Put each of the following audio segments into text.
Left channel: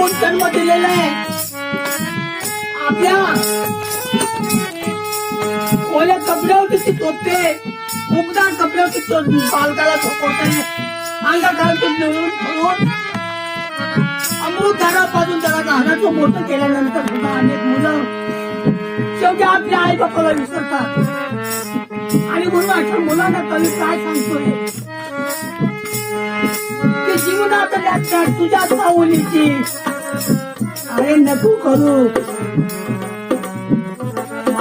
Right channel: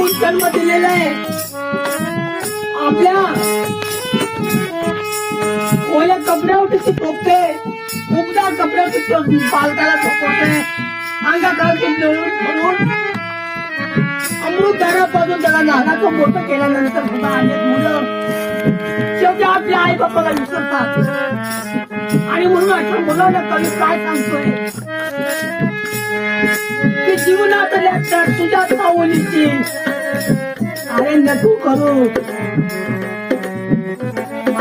मागून जन्म दिलेला आहे. आपल्या ओल्या कपड्यावरती ती पोचते, उबदार कपड्यावरती बालकाला झोपवते, अंगाखालती म्हणून अमृतधारापासून त्याला नागाचं मोठं केल्यानंतर सुद्धा अनेक मुलं शेवटी आपल्या आई बापाला विसरतात. आणि म्हणून अशा मुलांना कमी काय सांगतोय की जीवनात लॅक्चर तुझ्या चावलीची अरे नको करू.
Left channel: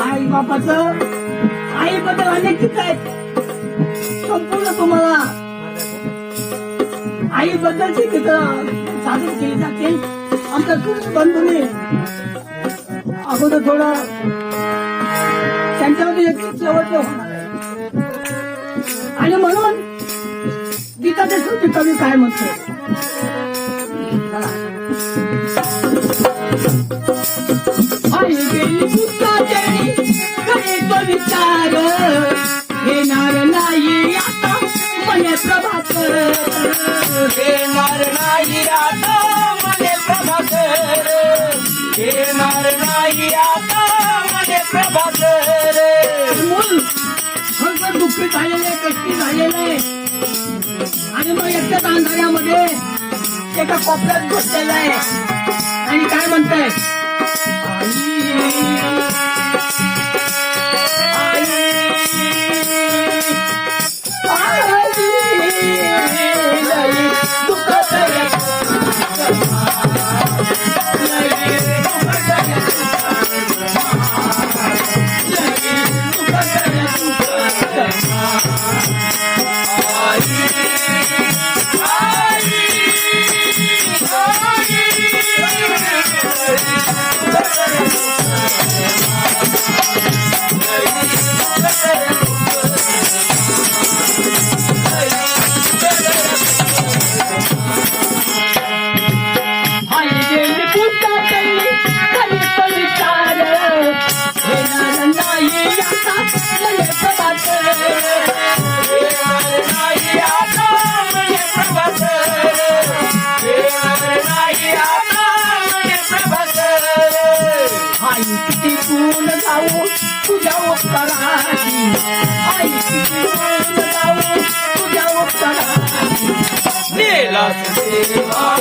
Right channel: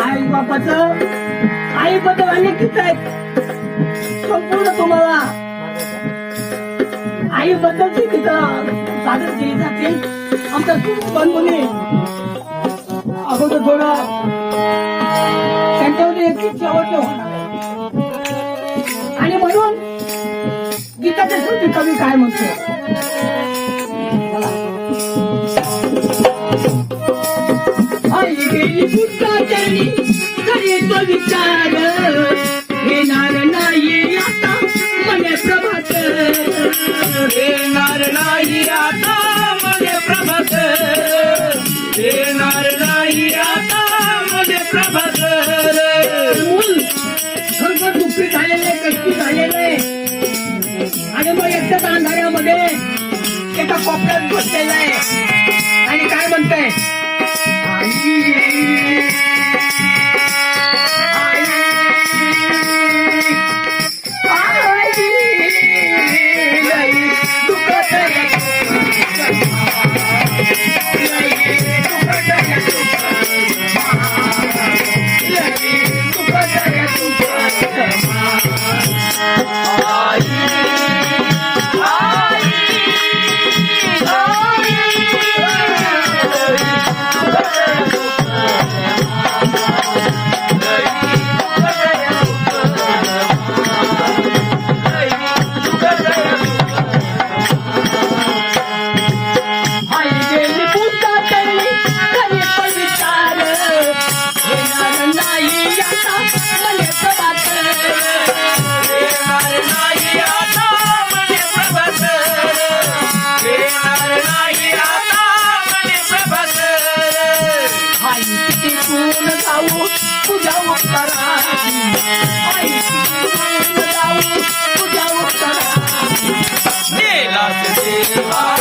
आई बापाचं आईबद्दल अनेक गीत आहेत, संपूर्ण तुम्हाला आईबद्दलची गीतं सादर केली जातील. आमच्या बंधूंनी अगोदर थोडं त्यांच्यामध्ये एक शेवटचं होणार आणि म्हणून गीताच्या शेवटी कवी काय म्हणतो. आई गेली पुष्पाचरणी करीत विचार येणार नाही आता मने प्रभात, येणार नाही आता मने प्रभात, येणार नाही आता मने प्रभात. मूल खरंच दुःखी झालेले, कष्टी झालेले आणि मग एकदाच अंधाऱ्यामध्ये एका कोपऱ्यात बसलेला आहे आणि काय म्हणताय तुझ्या उत्तराची आई तुझ्या उत्तराची गेला देवा